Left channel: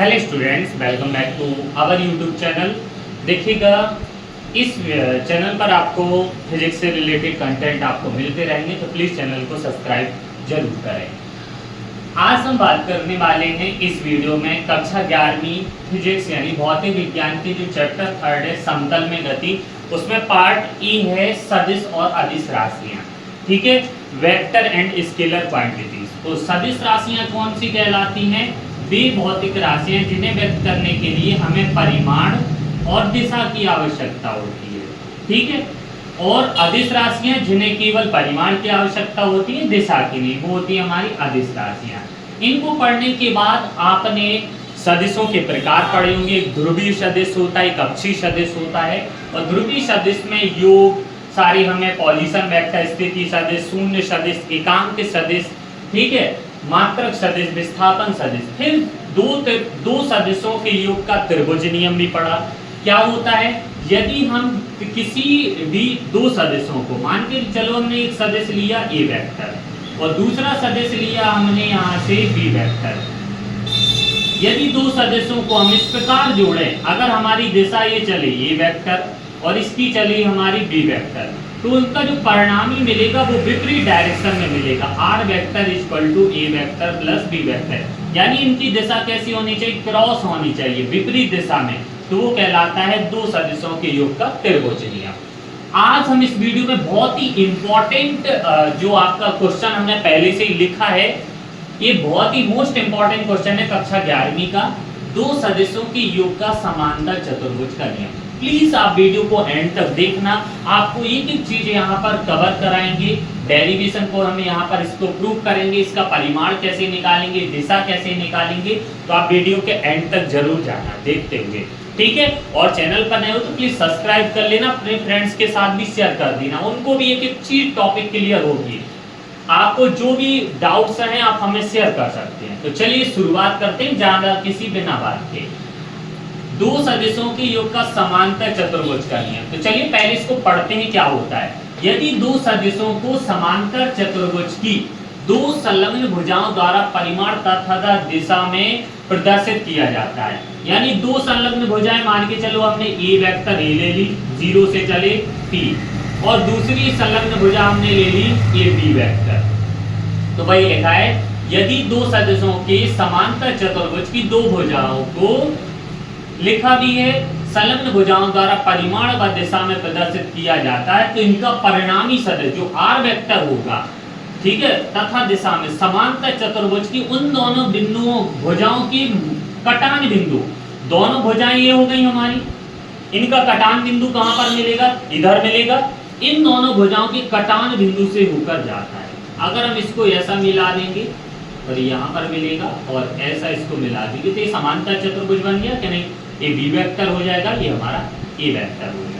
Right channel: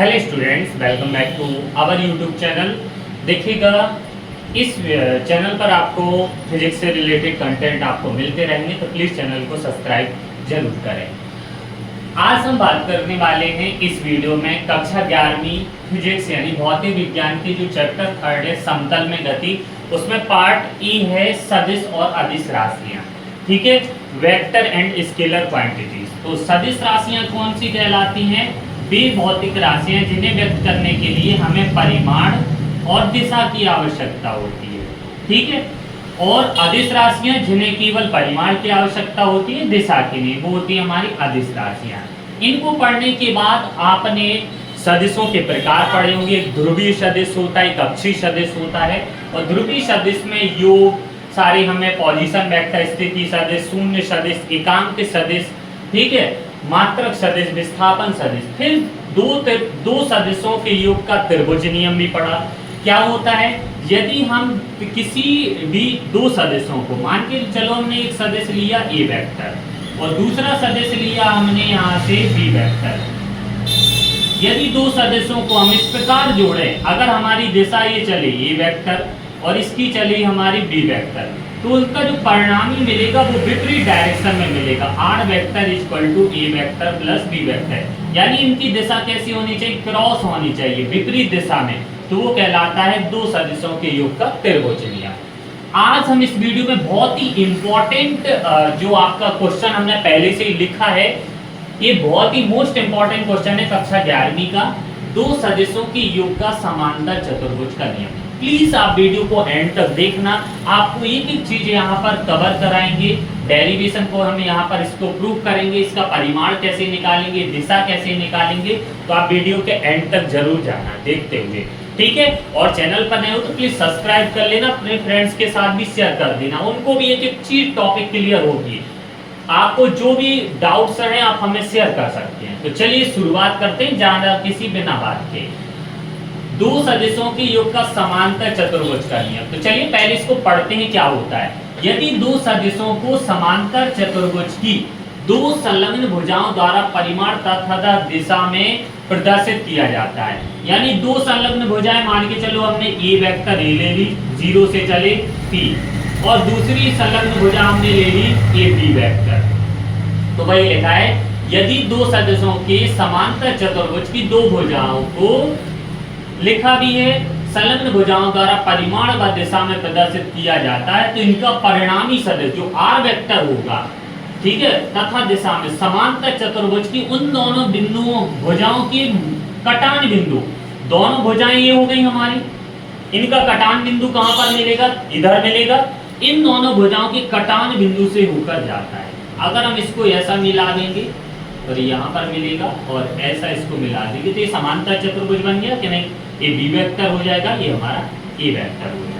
Hello students, welcome back to our YouTube channel. देखिएगा, इस channel पर आपको फिजिक्स से रिलेटेड कंटेंट आपको मिलते रहेंगे, तो प्लीज़ चैनल को सब्सक्राइब जरूर करें। आज हम बात करने वाले हैं इस वीडियो में कक्षा 11वीं फिजिक्स यानी भौतिक विज्ञान की जो चैप्टर 3 है समतल में गति, उसमें पार्ट ई है सदिश और अदिश राशियाँ। ठीक है, वेक्टर एंड स्केलर क्वांटिटीज। तो सदिश राशियाँ कौन सी कहलाती हैं? वे भौतिक राशियां जिन्हें व्यक्त करने के लिए हमें परिमाण और दिशा की आवश्यकता होती है। ठीक है, और अदिश राशियां जिन्हें केवल परिमाण की आवश्यकता होती है, दिशा की नहीं, वो होती है हमारी अदिश राशियां। इनको पढ़ने के बाद आपने सदिशों के प्रकार पढ़े होंगे। एक ध्रुवीय सदिश होता है, एक अक्षीय सदिश होता है। और ध्रुवीय सदिश में योग सारी हमें पोजीशन वेक्टर, स्थिति सदिश, शून्य सदिश, एकांक सदिश, ठीक है, मात्रक सदिश, विस्थापन सदिश। फिर दो सदिशों के योग का त्रिभुज नियम भी पढ़ा। क्या होता है? यदि हम किसी भी दो सदिशों को, मान के चलो हमने एक सदिश लिया ए वेक्टर और दूसरा सदिश लिया हमने यहाँ से बी वेक्टर। यदि दो सदिशों को हम इस प्रकार जोड़े, अगर हमारी दिशा ये चली ए वेक्टर और इसकी चली हमारी बी वेक्टर, तो उनका जो परिणामी मिलेगा वो विपरीत डायरेक्शन में मिलेगा। R vector equal to A vector plus B vector, यानी इनकी दिशा कैसी होनी चाहिए? क्रॉस होनी चाहिए, विपरीत दिशा में। तो वो कहलाता है दो सदिशों के योग का त्रिभुज नियम। आज हम इस वीडियो में बहुत ही इंपॉर्टेंट जो आपका क्वेश्चन हमने पहले से ही लिखा है, ये बहुत ही मोस्ट इंपॉर्टेंट क्वेश्चन है कक्षा 11वीं का, दो सदिशों के योग का समांतर चतुर्भुज का नियम। प्लीज आप वीडियो को एंड तक देखना, आपको एक एक चीज यहाँ पर कवर कराएंगे। डेरिवेशन को हम यहाँ पर इसको प्रूव करेंगे, इसका परिमाण कैसे निकालेंगे, दिशा कैसे निकालेंगे। तो आप वीडियो के एंड तक जरूर जाना देखते हुए, ठीक है। और चैनल पर नए हो तो प्लीज सब्सक्राइब कर लेना, अपने फ्रेंड्स के साथ भी शेयर कर देना, उनको भी एक एक चीज टॉपिक क्लियर होगी। आपको जो भी डाउट्स हैं आप हमें शेयर कर सकते हैं। तो चलिए शुरुआत करते हैं ज्यादा किसी बिना बात के। दो सदिशों के योग का समांतर चतुर्भुज का नियम। तो चलिए पहले इसको पढ़ते हैं क्या होता है। यदि दो सदिशों को समांतर चतुर्भुज की दो संलग्न भुजाओं द्वारा परिमाण तथा दिशा में प्रदर्शित किया जाता है, यानी दो संलग्न भुजाएं, मान के चलो हमने ए वेक्टर ए ले ली, 0 से चले P, और दूसरी संलग्न भुजा हमने ले ली ए बी वेक्टर। तो वही लिखा है, यदि दो सदिशों के समांतर चतुर्भुज की दो भुजाओं को, लिखा भी है, संलग्न भुजाओं द्वारा परिमाण व दिशा में प्रदर्शित किया जाता है, तो इनका परिणामी सदिश जो आर वेक्टर होगा, ठीक है, तथा दिशा में समांतर चतुर्भुज की उन दोनों बिंदुओं भुजाओं के कटान बिंदु, दोनों भुजाएं ये हो गई हमारी, इनका कटान बिंदु कहां पर मिलेगा? इधर मिलेगा। इन दोनों भुजाओं के कटान बिंदु से होकर जाता है। अगर हम इसको ऐसा मिला देंगे और यहाँ पर मिलेगा और ऐसा इसको मिला देंगे, तो ये समांतर चतुर्भुज बन गया कि नहीं? ये बी वेक्टर हो जाएगा, ये हमारा ए वेक्टर हो जाएगा।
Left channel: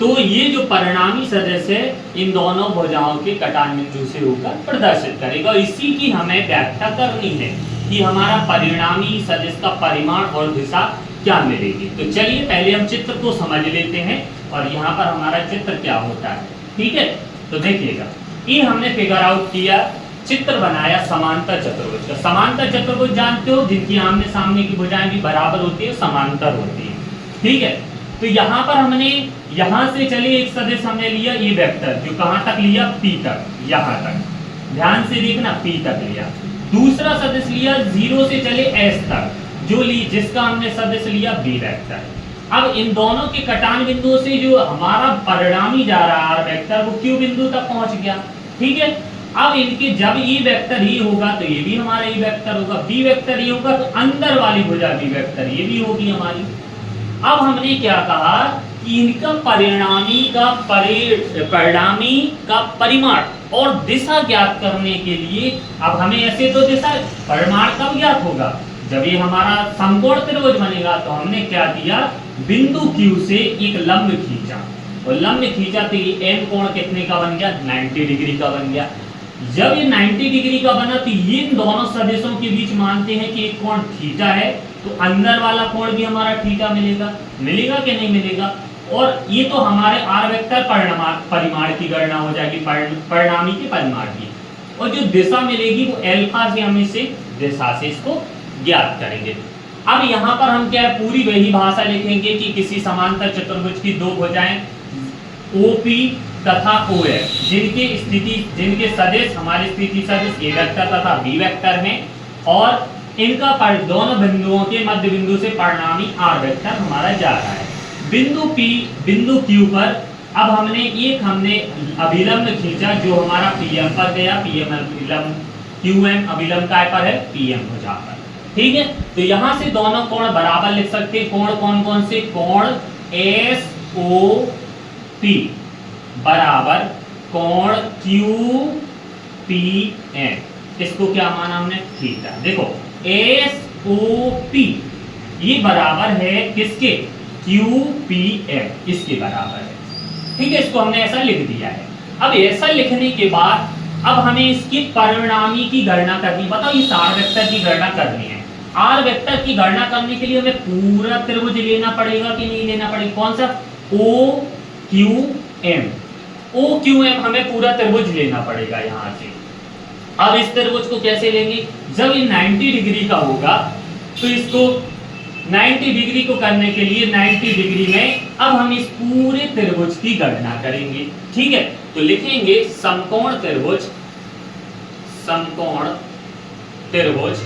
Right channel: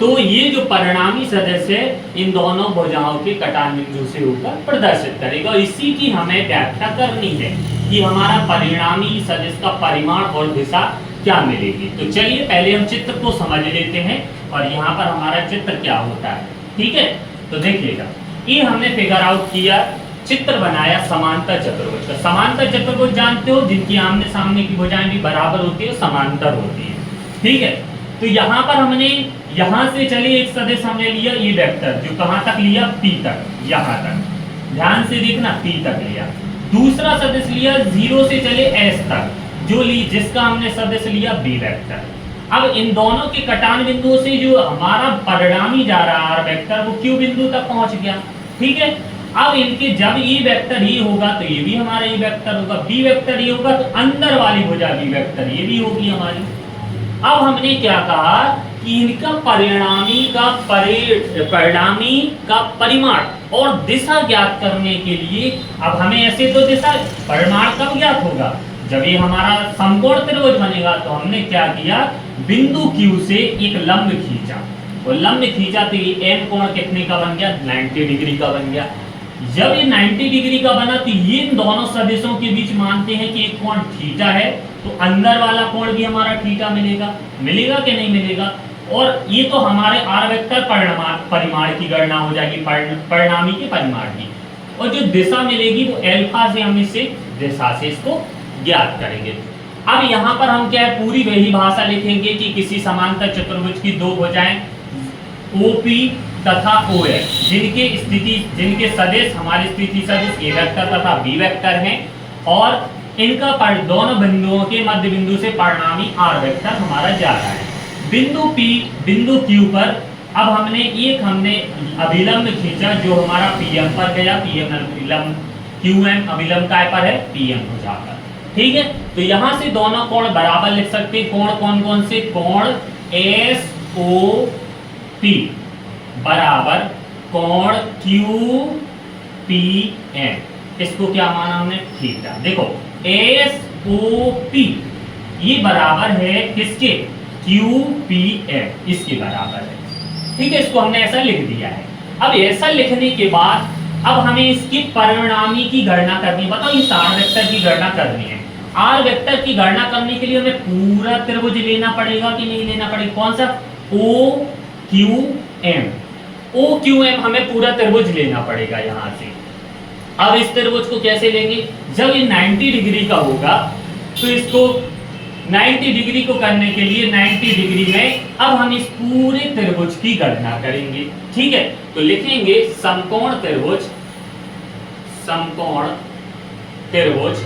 तो ये जो परिणामी सदिश है इन दोनों भुजाओं के कटान बिंदु से होकर प्रदर्शित करेगा, और इसी की हमें व्याख्या करनी है कि हमारा परिणामी सदिश का परिमाण और दिशा क्या मिलेगी। तो चलिए पहले हम चित्र को समझ लेते हैं और यहाँ पर हमारा चित्र क्या होता है। ठीक है, तो देखिएगा, ये हमने फिगर आउट किया, चित्र बनाया समांतर चतुर्भुज का। समांतर चतुर्भुज जानते हो, जिनकी आमने सामने की भुजाएं भी बराबर होती है, समांतर होती है। ठीक है, तो यहाँ पर हमने यहाँ से चले एक सदिश हमने लिया ये वेक्टर, जो कहाँ तक लिया? P तक, यहाँ तक, ध्यान से देखना, P तक लिया। दूसरा सदिश लिया 0 से चले S तक, जो जिसका हमने सदिश लिया B वेक्टर। अब इन दोनों के कटान बिंदुओं से जो हमारा परिणामी जा रहा है R वेक्टर, वो Q बिंदु तक पहुंच गया। ठीक है, अब इनके जब E वेक्टर ही होगा तो ये भी हमारा E वेक्टर होगा, B वेक्टर ये होगा तो अंदर वाली भुजा B वेक्टर ये भी होगी हमारी। अब हमने क्या कहा कि इनका परिणामी का परिमाण और दिशा ज्ञात करने के लिए, अब हमें ऐसे तो दिशा परिमाण कब ज्ञात होगा? जब ये हमारा समकोण त्रिभुज बनेगा। तो हमने क्या किया, बिंदु Q से एक लंब खींचा, और लंब खींचा तो ये M कोण कितने का बन गया? 90 डिग्री का बन गया। जब ये 90 डिग्री का बना तो ये इन दोनों सदिशों के बीच मानते हैं कि एक कोण थीटा है, तो अंदर वाला कोण भी हमारा थीटा मिलेगा। मिलेगा कि नहीं मिलेगा? और ये तो हमारे आर वेक्टर परिमाण की गणना हो जाएगी, परिणामी के परिमाण की। और जो दिशा मिलेगी वो अल्फा से हम इसे दिशा से इसको ज्ञात करेंगे। अब यहाँ पर हम क्या है, पूरी वही भाषा लिखेंगे कि किसी समांतर चतुर्भुज की दो भुजाएं OP तथा OF जिनके सदिश हमारे स्थिति सदिश A वेक्टर तथा B वेक्टर हैं और इनका दोनों बिंदुओं के मध्य बिंदु से परिणामी R वेक्टर हमारा जा रहा है। बिंदु P बिंदु Q पर अब हमने अभिलंब खींचा जो हमारा PM पर गया, PM अभिलंब QM अभिलंब काय पर है, PM भुजा पर। ठीक है, तो यहां से दोनों कोण बराबर लिख सकते हैं। कोण कौन कौन से, कोण SOP बराबर कोण QPM, इसको क्या माना हमने, थीटा। देखो SOP ये बराबर है किसके, QPM, इसके बराबर है। ठीक है, इसको हमने ऐसा लिख दिया है। अब ऐसा लिखने के बाद अब हमें इसकी परिणामी की गणना करनी है। बताओ इस R वेक्टर की गणना करनी है। R वेक्टर की गणना करने के लिए हमें पूरा त्रिभुज लेना पड़ेगा कि नहीं लेना पड़ेगा, कौन सा, OQM हमें पूरा त्रिभुज लेना पड़ेगा यहां से। अब इस त्रिभुज को कैसे लेंगे, जब ये 90 डिग्री का होगा तो इसको 90 डिग्री को करने के लिए 90 डिग्री में अब हम इस पूरे त्रिभुज की गणना करेंगे। ठीक है, तो लिखेंगे समकोण त्रिभुज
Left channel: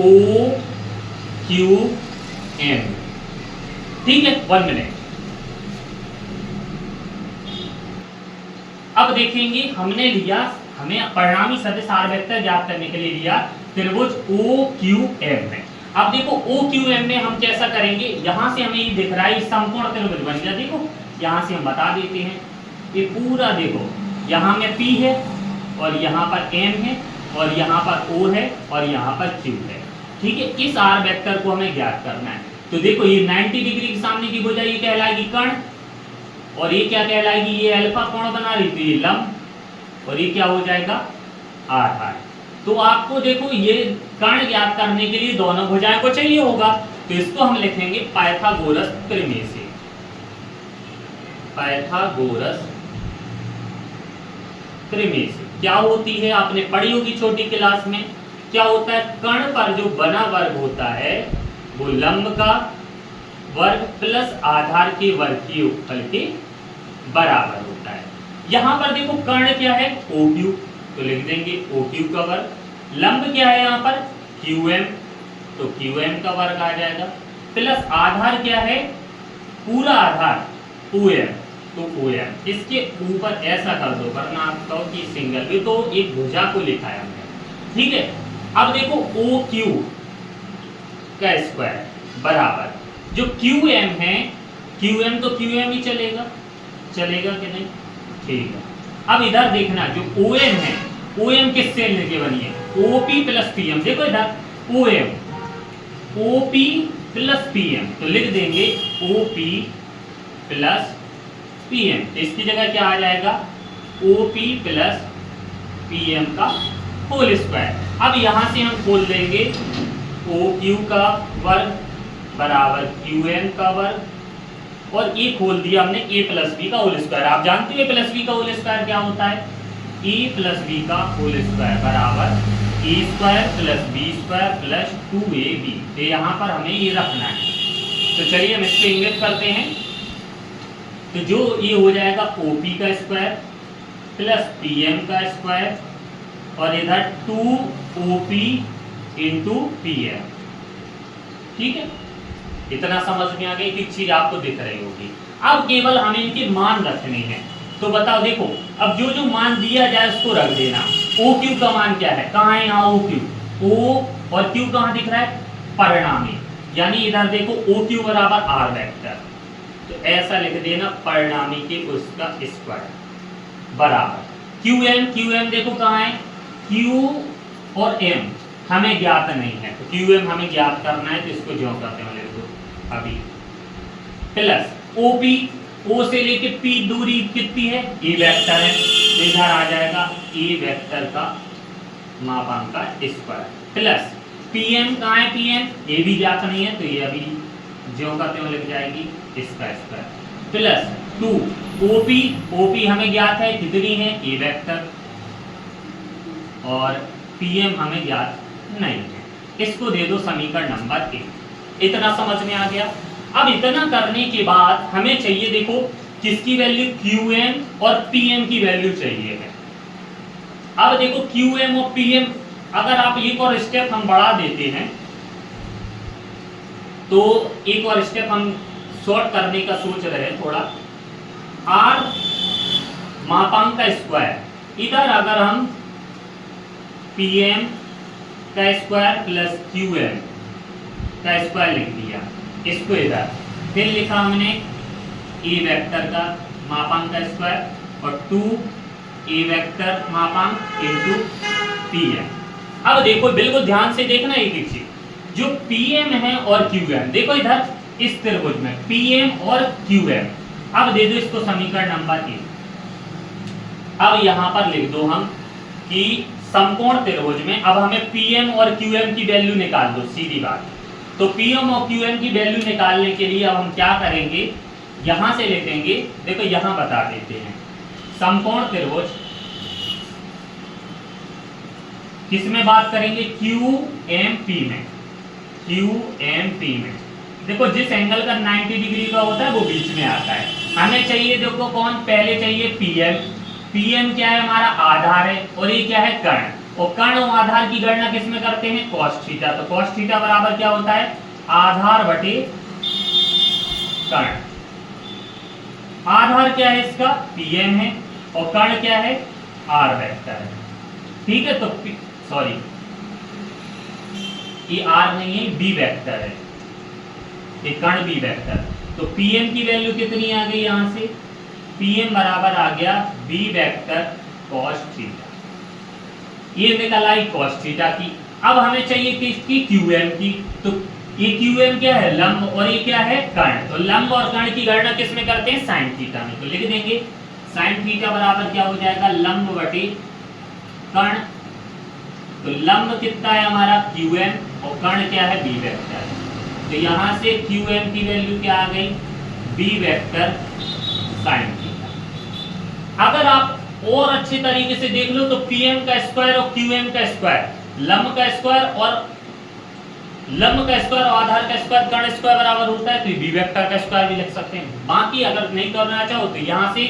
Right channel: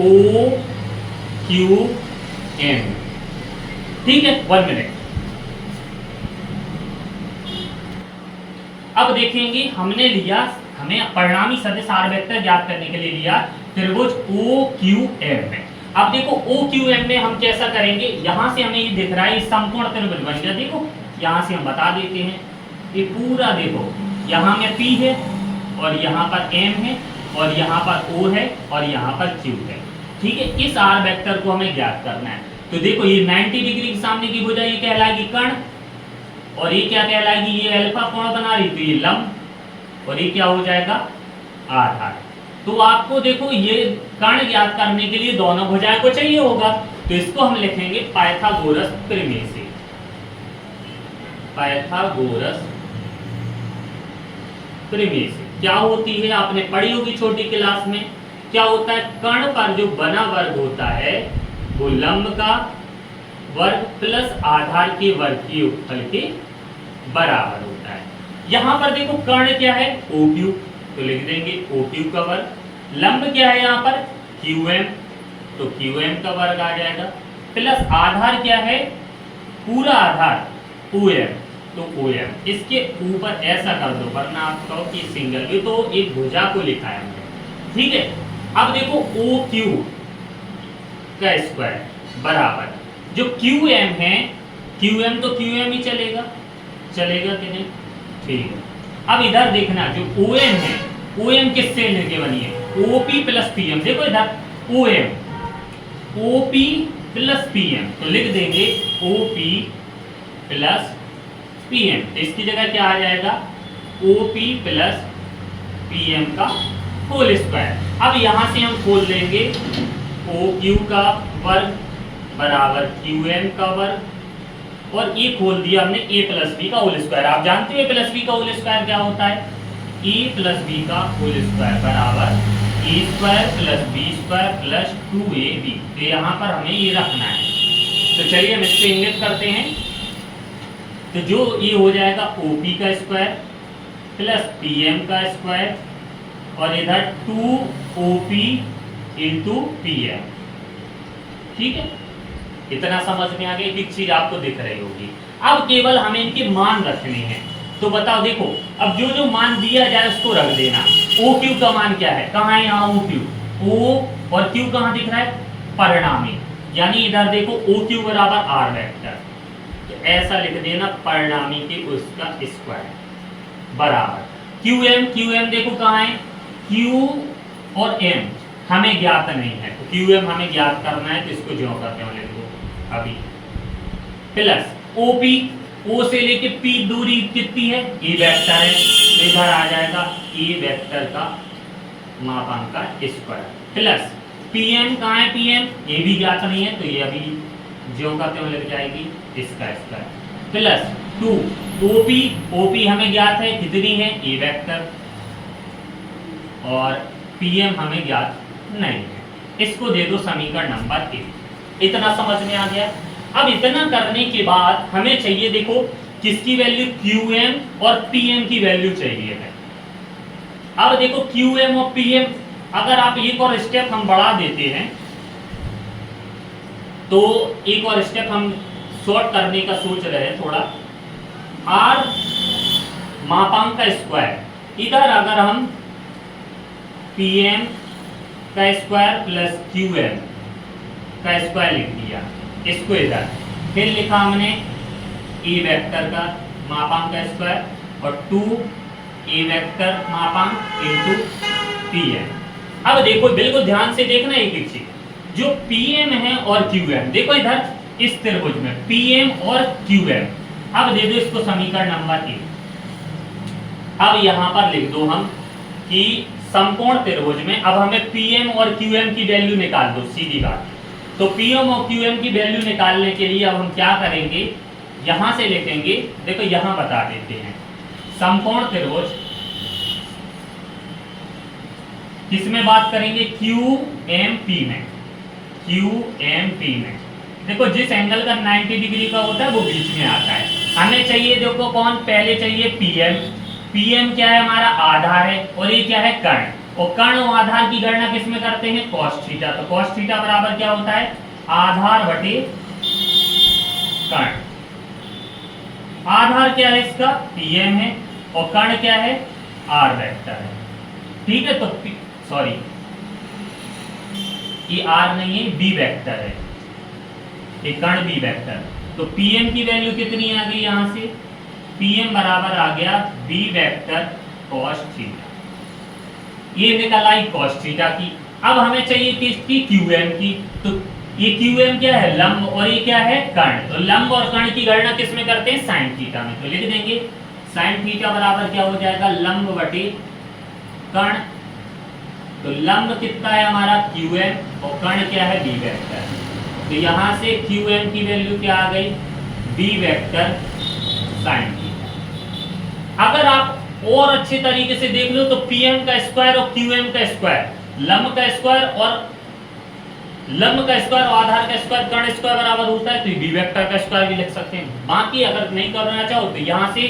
OQM। ठीक है, 1 मिनट। अब देखेंगे हमें परिणामी सदिश R वेक्टर ज्ञात करने के लिए लिया त्रिभुज OQM में। अब देखो OQM में हम कैसा करेंगे, यहां से हमें ये दिख रहा है समकोण त्रिभुज बन गया। देखो यहां से हम बता देते हैं, ये पूरा देखो यहां में P है और यहां पर M है और यहां पर O है और यहां पर Q है। ठीक है, इस R वेक्टर को हमें ज्ञात करना है। तो देखो ये 90 डिग्री के सामने की भुजा ये कहलाएगी कर्ण और ये क्या कहलाएगी, ये अल्फा कोण बना रही, तो ये लंब और ये क्या हो जाएगा, आधार। तो आपको देखो ये कर्ण ज्ञात करने के लिए दोनों भुजाएं को चाहिए होगा, तो इसको हम लिखेंगे पाइथागोरस प्रमेय। क्या होती है, आपने पढ़ी होगी छोटी क्लास में। क्या होता है, कर्ण पर जो बना वर्ग होता है वो लंब का वर्ग प्लस आधार के वर्ग के योगफल के बराबर होता है। यहां पर देखो कर्ण क्या है, OQ, तो लिख देंगे OQ का वर्ग। लंब क्या है यहाँ पर, QM, तो QM का वर्ग आ जाएगा, प्लस आधार क्या है, पूरा आधार OM, तो OM। इसके ऊपर ऐसा कर दो वरना आप कहो कि सिंगल भी, तो एक भुजा को लिखा है हमने। ठीक है, अब देखो OQ का स्क्वायर बराबर जो QM है, QM तो QM ही चलेगा कि नहीं, ठीक है। अब इधर देखना जो OM है, OM किससे लेके बनी है, OP प्लस PM। देखो इधर OP प्लस PM, तो लिख देंगे OP प्लस PM, इसकी जगह क्या आ जाएगा, OP प्लस PM का होल स्क्वायर। अब यहां से हम खोल देंगे OQ का वर्ग बराबर QM का वर्ग और ये खोल दिया हमने A प्लस B का होल स्क्वायर। आप जानते हो A प्लस B का होल स्क्वायर क्या होता है, A प्लस B का होल स्क्वायर बराबर A square plus B square plus 2AB। तो यहाँ पर हमें ये रखना है, तो चलिए हम इसको इंगित करते हैं। तो जो ये हो जाएगा OP का स्क्वायर प्लस PM का स्क्वायर और इधर 2OP इंटू PM। ठीक है, इतना समझ में आ गया कि चीज आपको दिख रही होगी। अब केवल हमें इनके मान रखने हैं, तो बताओ देखो अब जो मान दिया जाए उसको रख देना। OQ का मान क्या है, कहाँ है यहाँ OQ, O और Q कहाँ दिख रहा है, परिणामी, यानी इधर देखो OQ बराबर R वेक्टर, तो ऐसा लिख देना परिणामी के उसका स्क्वायर बराबर QM देखो कहाँ है, Q और M हमें ज्ञात नहीं है, तो QM हमें ज्ञात करना है, तो इसको जो करते हैं लिख दो अभी, प्लस OP, O से लेके P दूरी कितनी है, A वेक्टर है, तो इधर आ जाएगा A वेक्टर का मापांक का स्क्वायर प्लस PM कहाँ है, PM ये भी ज्ञात नहीं है, तो ये अभी जो करते हैं लिख जाएगी इसका स्क्वायर प्लस 2 OP हमें ज्ञात है, कितनी है, A वेक्टर, और PM हमें ज्ञात नहीं है, इसको दे दो समीकरण नंबर 1। इतना समझ में आ गया। अब इतना करने के बाद हमें चाहिए, देखो किसकी वैल्यू, QM और PM की वैल्यू चाहिए है। अब देखो QM और PM, अगर आप एक और स्टेप हम बढ़ा देते हैं तो एक और स्टेप हम शॉर्ट करने का सोच रहे हैं थोड़ा। R मापांक का स्क्वायर, इधर अगर हम PM का स्क्वायर प्लस QM का स्क्वायर लिख दिया, इसको इधर फिर लिखा हमने A वेक्टर का मापांक का स्क्वायर और 2A वेक्टर मापांक इनटू PM। अब देखो बिल्कुल ध्यान से देखना एक एक चीज, जो PM है और QM, देखो इधर इस त्रिभुज में PM और QM, अब दे दो इसको समीकरण नंबर 1। अब यहां पर लिख दो हम कि समकोण त्रिभुज में अब हमें PM और QM की वैल्यू निकाल दो, सीधी बात। तो PM और QM की वैल्यू निकालने के लिए अब हम क्या करेंगे, यहां से लिखेंगे, देखो यहां बता देते हैं समकोण त्रिभुज किसमें बात करेंगे, QMP में। QMP में देखो जिस एंगल का 90 डिग्री का होता है वो बीच में आता है। हमें चाहिए, देखो कौन, पहले चाहिए PM। PM क्या है, हमारा आधार है, और ये क्या है, कर्ण। और कर्ण और आधार की गणना किसमें करते हैं, cos थीटा। तो cos थीटा बराबर क्या होता है, आधार बटे कर्ण। आधार क्या है इसका, PM है, और कर्ण क्या है, R वेक्टर है। ठीक है, तो सॉरी ये R नहीं है, B वेक्टर है, ये कर्ण B वेक्टर। तो PM की वैल्यू कितनी आ गई, यहां से PM बराबर आ गया B वेक्टर cos थीटा। ये निकल आई cos थीटा की। अब हमें चाहिए किसकी, QM की। तो ये QM क्या है, लंब, और ये क्या है, कर्ण। तो लंब और कर्ण की गणना किसमें करते हैं, sin थीटा में। तो लिख देंगे sin थीटा बराबर क्या हो जाएगा, लंब बटे कर्ण। तो लंब कितना है हमारा QM, और कर्ण क्या है, B वेक्टर। तो यहां से QM की वैल्यू क्या आ गई, B वेक्टर sin थीटा। अगर आप और अच्छे तरीके से देख लो तो PM का स्क्वायर और QM का स्क्वायर, लंब का स्क्वायर और आधार का स्क्वायर, कर्ण स्क्वायर बराबर होता है। तो B वेक्टर का स्क्वायर भी लिख सकते हैं। बाकी अगर नहीं करना चाहो तो यहां से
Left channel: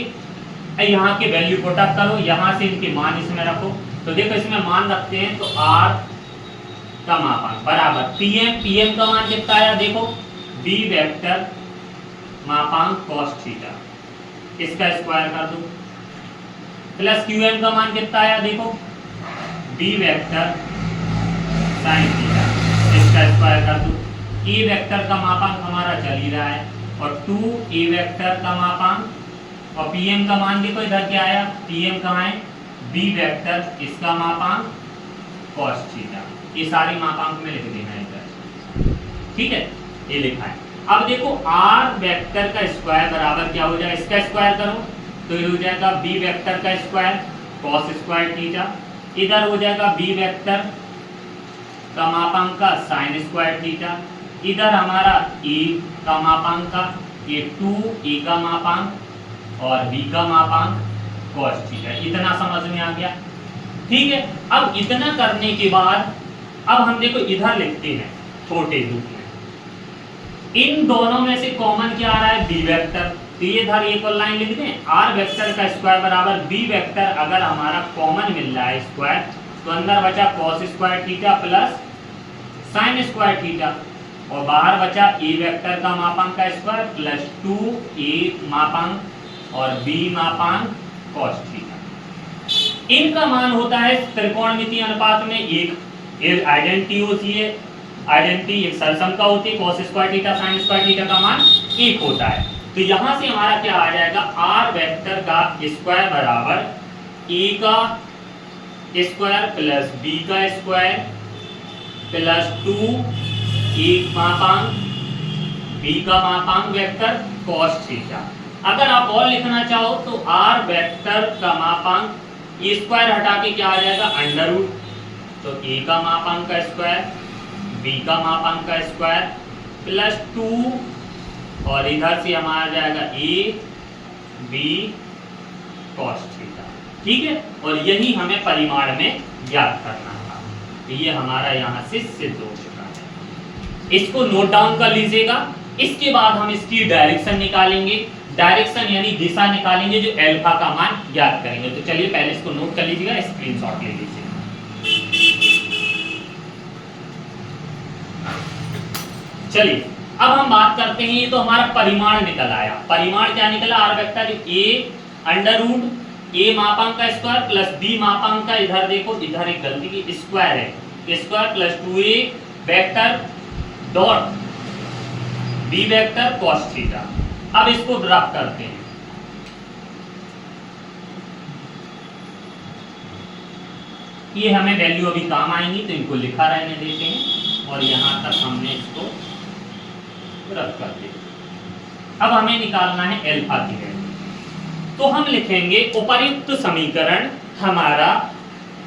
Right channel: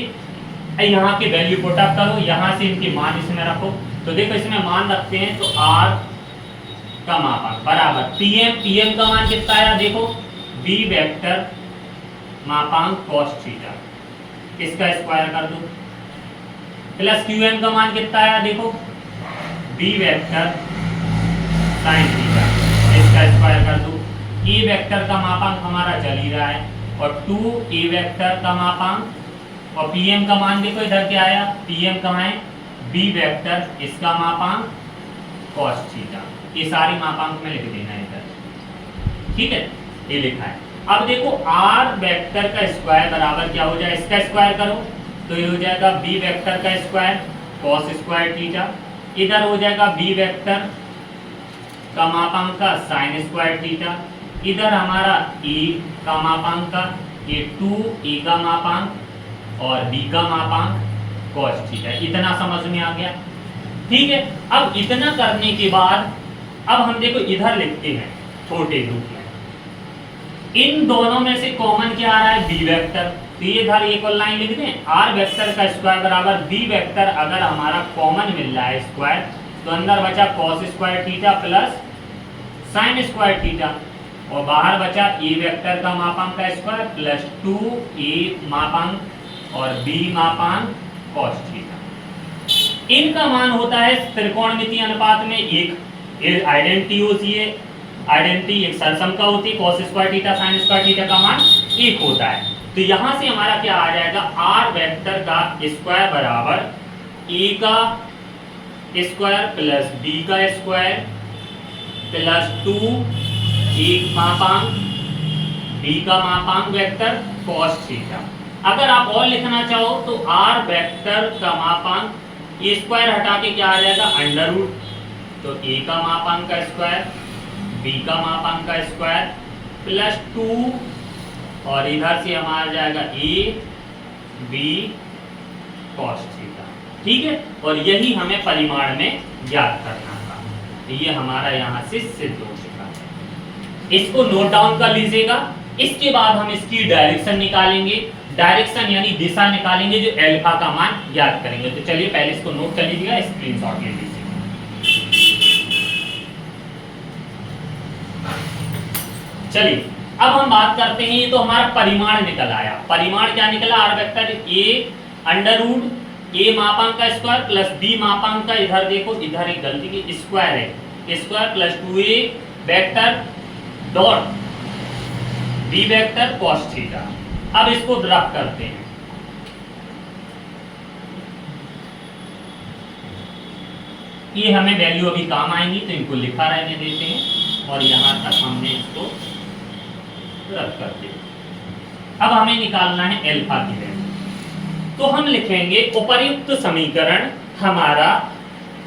यहाँ के वैल्यू पुट अप करो, यहां से इनके मान इसमें रखो। तो देखो इसमें मान रखते हैं, तो R का मापांक बराबर PM का मान कितना आया, देखो B वेक्टर मापांक cos थीटा, इसका स्क्वायर कर दो, प्लस QM का मान कितना आया, देखो B वेक्टर sin थीटा, इसका स्क्वायर कर दो। E वेक्टर का मापांक हमारा चल ही रहा है, और 2A वेक्टर का मापांक, और PM का मान देखो इधर क्या आया, PM कहाँ है, B वेक्टर, इसका मापांक cos थीटा। ये सारी मापांक में लिख देना इधर, ठीक है, ये लिखा है। अब देखो R वेक्टर का स्क्वायर बराबर क्या हो जाए, इसका स्क्वायर करो तो ये हो जाएगा B वेक्टर का स्क्वायर cos स्क्वायर थीटा, इधर हो जाएगा B वेक्टर का मापांक का sin स्क्वायर थीटा, इधर हमारा A का मापांक का, ये 2A का मापांक और B का मापांक cos थीटा। इतना समझ में आ गया, ठीक है। अब इतना करने के बाद अब हम देखो इधर लिखते हैं छोटे रूप में, इन दोनों में से कॉमन क्या आ रहा है, B वेक्टर। तो ये इधर एक और लाइन लिख दें, R वेक्टर का स्क्वायर बराबर B वेक्टर, अगर हमारा कॉमन मिल रहा है स्क्वायर, तो अंदर बचा cos square theta plus sin square theta, और बाहर बचा A वेक्टर का मापांक का स्क्वायर प्लस 2A मापांक और B मापांक cos थीटा। इनका मान होता है त्रिकोणमितीय अनुपात में एक आइडेंटिटी होती है, आइडेंटिटी एक सरसम का होती है, cos square theta sin square theta का मान एक होता है। तो यहां से हमारा क्या आ जाएगा, R वेक्टर का स्क्वायर बराबर A का स्क्वायर प्लस B का स्क्वायर प्लस 2A मापांक B का मापांक वेक्टर cos थीटा। अगर आप और लिखना चाहो तो R वेक्टर का मापांक, ये स्क्वायर हटा के क्या आ जाएगा, अंडर रूट। तो A का मापांक का स्क्वायर, B का मापांक का स्क्वायर प्लस 2, और इधर से हमारा आ जाएगा A B cos थीटा, ठीक है। और यही हमें परिमाण में ज्ञात करना था। तो ये हमारा यहाँ से सिद्ध हो चुका है। इसको नोट डाउन कर लीजिएगा। इसके बाद हम इसकी डायरेक्शन निकालेंगे, डायरेक्शन यानी दिशा निकालेंगे, जो अल्फा का मान ज्ञात करेंगे। तो चलिए पहले इसको नोट कर लीजिएगा, स्क्रीनशॉट ले लीजिए। चलिए अब हम बात करते हैं, ये तो हमारा परिमाण निकल आया। परिमाण क्या निकला? R vector A under root A मापांक का स्क्वायर प्लस बी मापांक का, इधर देखो इधर एक गलती की, स्क्वायर है, square plus 2a vector dot B vector cos theta. अब इसको ड्रॉप करते हैं। ये हमें वैल्यू अभी काम आएंगी तो इनको लिखा रहने देते हैं और यहां तक हमने इसको रख कर दिया। अब हमें निकालना है अल्फा की वैल्यू। तो हम लिखेंगे उपर्युक्त समीकरण हमारा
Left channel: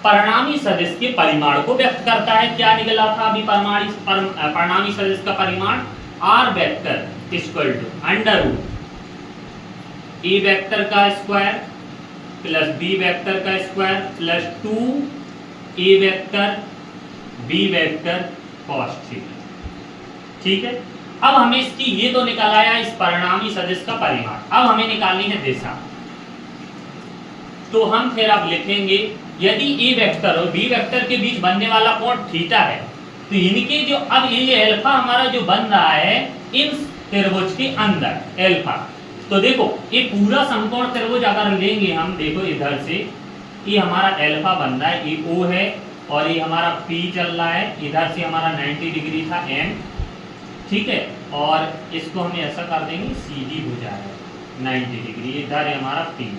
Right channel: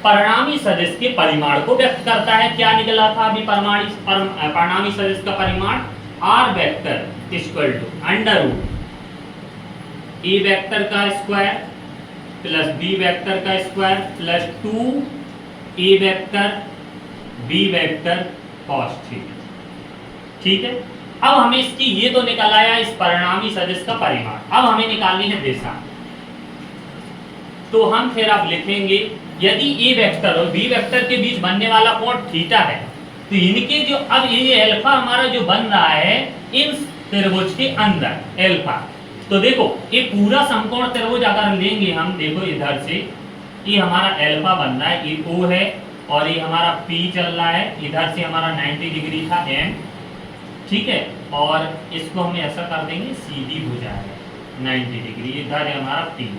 परिणामी सदिश के परिमाण को व्यक्त करता है। क्या निकला था अभी? परिणामी सदिश का परिमाण R vector equal to under root A vector का स्क्वायर प्लस बी वेक्टर का square plus 2 A vector B vector cos theta. ठीक है, अब हमें इसकी ये तो निकल आया इस परिणामी सदिश का परिमाण। अब हमें निकालनी है दिशा। तो हम फिर अब लिखेंगे, यदि ए वेक्टर और बी वेक्टर के बीच बनने वाला कोण थीटा है, तो इनके जो अब ये अल्फा हमारा जो बन रहा है इन त्रिभुज के अंदर अल्फा। तो देखो ये पूरा समकोण त्रिभुज अगर लेंगे हम, देखो इधर से ये हमारा अल्फा बन रहा है, ये ओ है और ये हमारा पी चल रहा है, इधर से हमारा 90 डिग्री था एम। ठीक है, और इसको हम ऐसा कर देंगे सीधी भुजा है 90 डिग्री, इधर है हमारा पी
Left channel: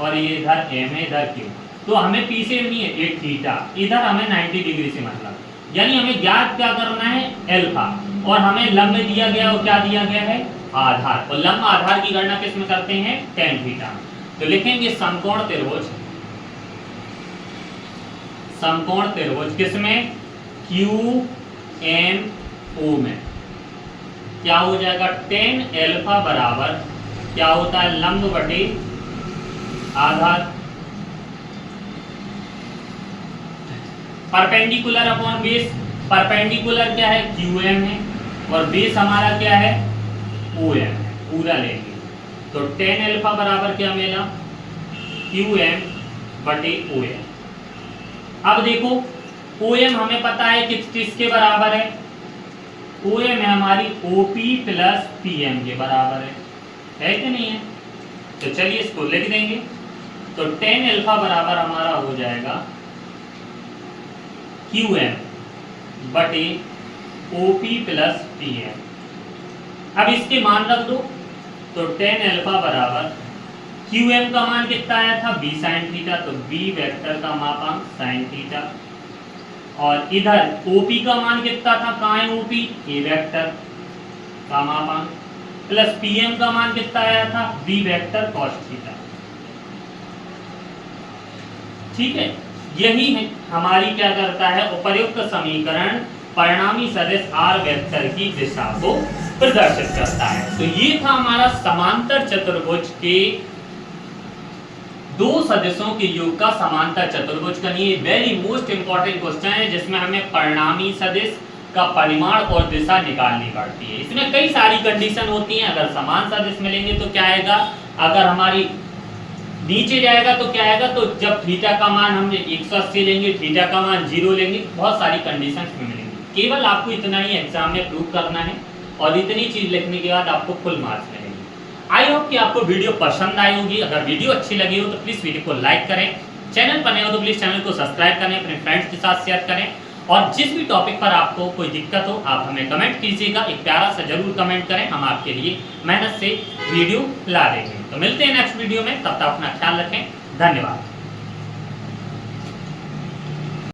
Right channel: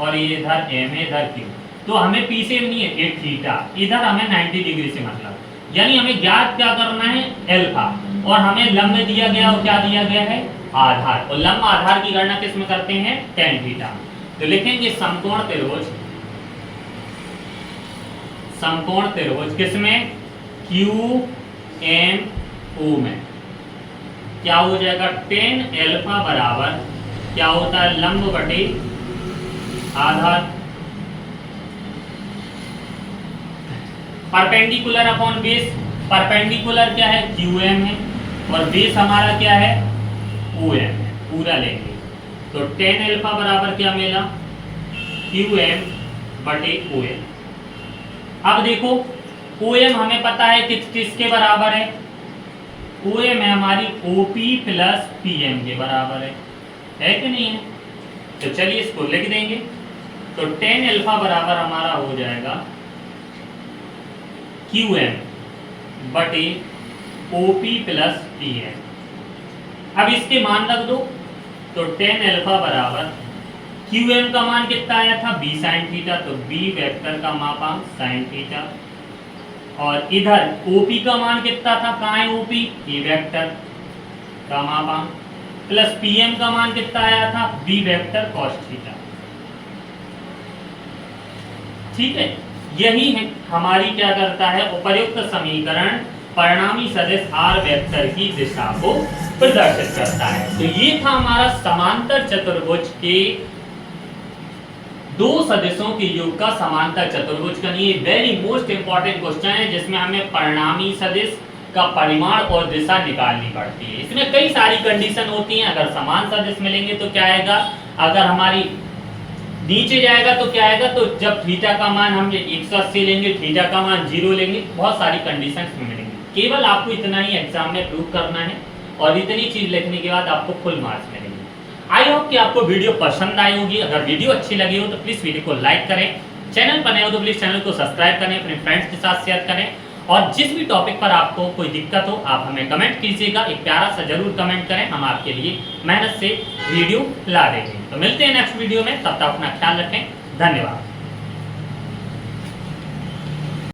और ये इधर एम है, इधर क्यू। तो हमें पी से नहीं है, ये थीटा, इधर हमें 90 डिग्री से मतलब, यानी हमें ज्ञात क्या करना है? अल्फा। और हमें लंब दिया गया और क्या दिया गया है? आधार। और लंब आधार की गणना किस में करते हैं? tan theta. तो लिखेंगे समकोण त्रिभुज, समकोण त्रिभुज किसमें? क्यू एम ओ में। क्या हो जाएगा? tan अल्फा बराबर क्या होता है? लंब बटे आधार। परपेंडिकुलर अपॉन बेस, परपेंडिकुलर क्या है? क्यू एम है और बेस हमारा क्या है? ओ एम है, पूरा लेंगे। तो tan अल्फा बराबर क्या मिला? क्यू एम बटे ओ एम। अब देखो ओ एम हमें पता है किसके बराबर है? ओ एम है हमारी ओपी प्लस पी एम के बराबर है कि नहीं है? तो चलिए इसको लिख देंगे। तो tan अल्फा बराबर हमारा हो जाएगा क्यू एम बटे ओपी प्लस पी एम। अब इसके मान रख दो। तो tan अल्फा बराबर क्यू एम का मान कितना आया था? बी साइन थीटा, तो बी वेक्टर का मापांक साइन थीटा। और इधर ओपी का मान कितना था? कहाँ है ओपी? ए वेक्टर का मापांक, प्लस पीएम का मान कितना आया था? B vector cos theta. ठीक है, यही है हमारी क्या करता है? उपर्युक्त समीकरण परिणामी सदिश आर वेक्टर की दिशा को प्रदर्शित करता है। तो ये था हमारा समांतर चतुर्भुज के दो सदिशों के योग का समांतर चतुर्भुज का नहीं, वेरी मोस्ट इंपॉर्टेंट क्वेश्चन है जिसमें हमें परिणामी सदिश का परिमाण और दिशा निकालनी पड़ती है। इसमें कई सारी कंडीशन होती हैं। अगर समान सदिश मिलेंगे तो क्या आएगा? अगर हमारी नीचे जाएगा तो क्या आएगा? तो जब थीटा का मान हम 180 लेंगे, थीटा का मान 0 लेंगे, बहुत सारी कंडीशंस में मिलेंगी। केवल आपको इतना ही एग्जाम में प्रूव करना है और इतनी चीज लिखने के बाद आपको फुल मार्क्स मिलेंगे। आई होप कि आपको वीडियो पसंद आई होगी। अगर वीडियो अच्छी लगी हो तो प्लीज़ वीडियो को लाइक करें, चैनल पर नए हो तो प्लीज़ चैनल को सब्सक्राइब करें, अपने फ्रेंड्स के साथ शेयर करें। और जिस भी टॉपिक पर आपको कोई दिक्कत हो आप हमें कमेंट कीजिएगा, एक प्यारा सा जरूर कमेंट करें, हम आपके लिए मेहनत से वीडियो ला देंगे। तो मिलते हैं नेक्स्ट वीडियो में, तब तक अपना ख्याल रखें। धन्यवाद।